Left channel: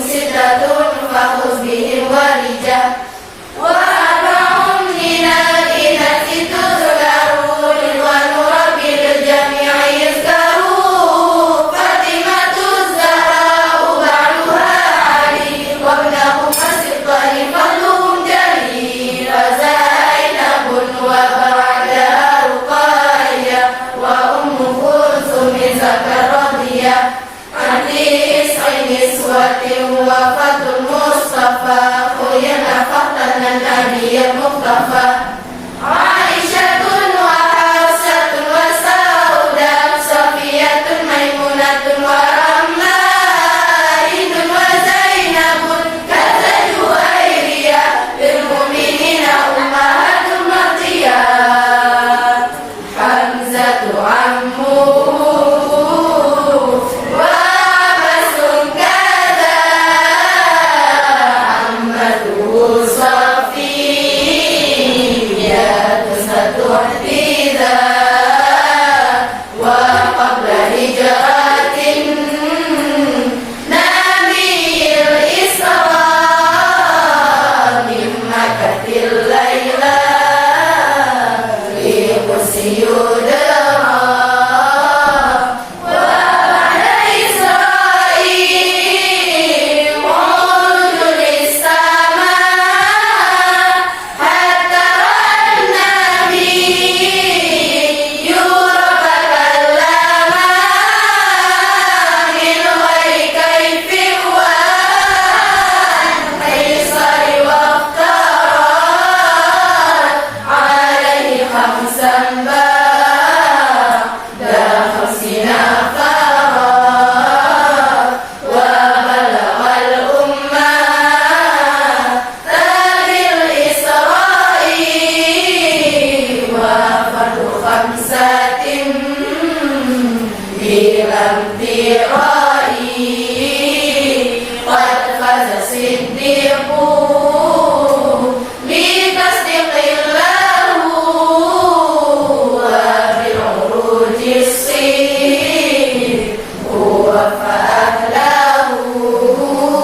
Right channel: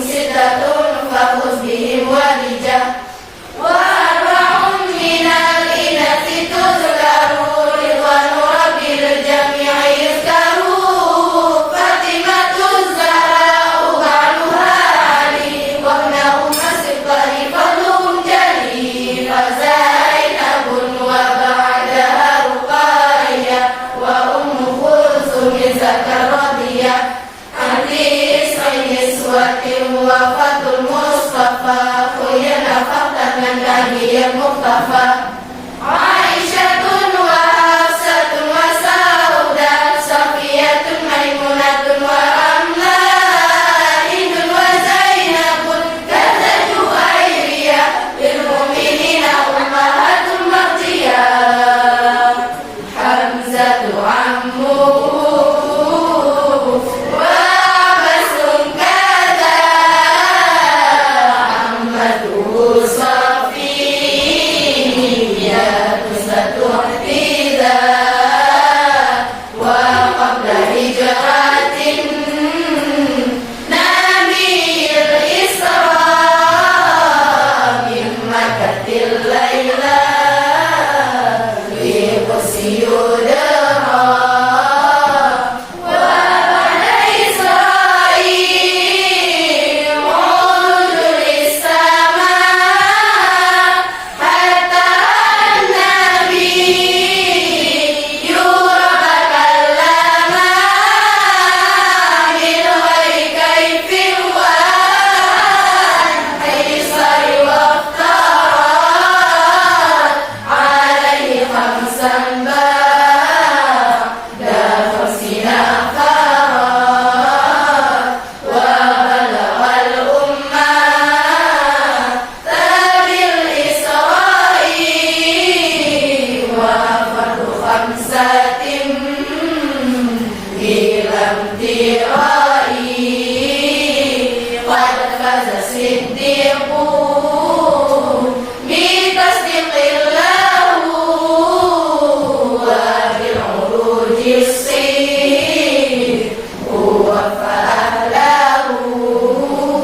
ستة فخذ بهم ورجة وأربع من الإناث تذكر رضوان رب الجميع يذكروا فاطمة الزهراء بعدها علي وابنهما الصديق فضلهم جليل فزينب وبعدها رقية وأم كلثوم زكريا عن تسع نسوة وفاة المصطفى خينا فتى النبي المصطفى عائشة وحفصة وسودة صفية ميمونة ورملة هند وزينب كذا جويرية للمؤمنين أمهات مرضية حمزة عمه وعبس كذا عمته صفية ستحدثا وقبل هجرة نبي الإسراء من مكة الليلة في قدس يدرى وبعد إسرائيل عرج للسماء حتى النبي يرى تكلما من غير كيف ولا قيصر وافترى عليه خمسا بعد 50 فرا وبلغ الأمة بالإسراء وفرد خمسة بلا امتراء قد فاز الصديق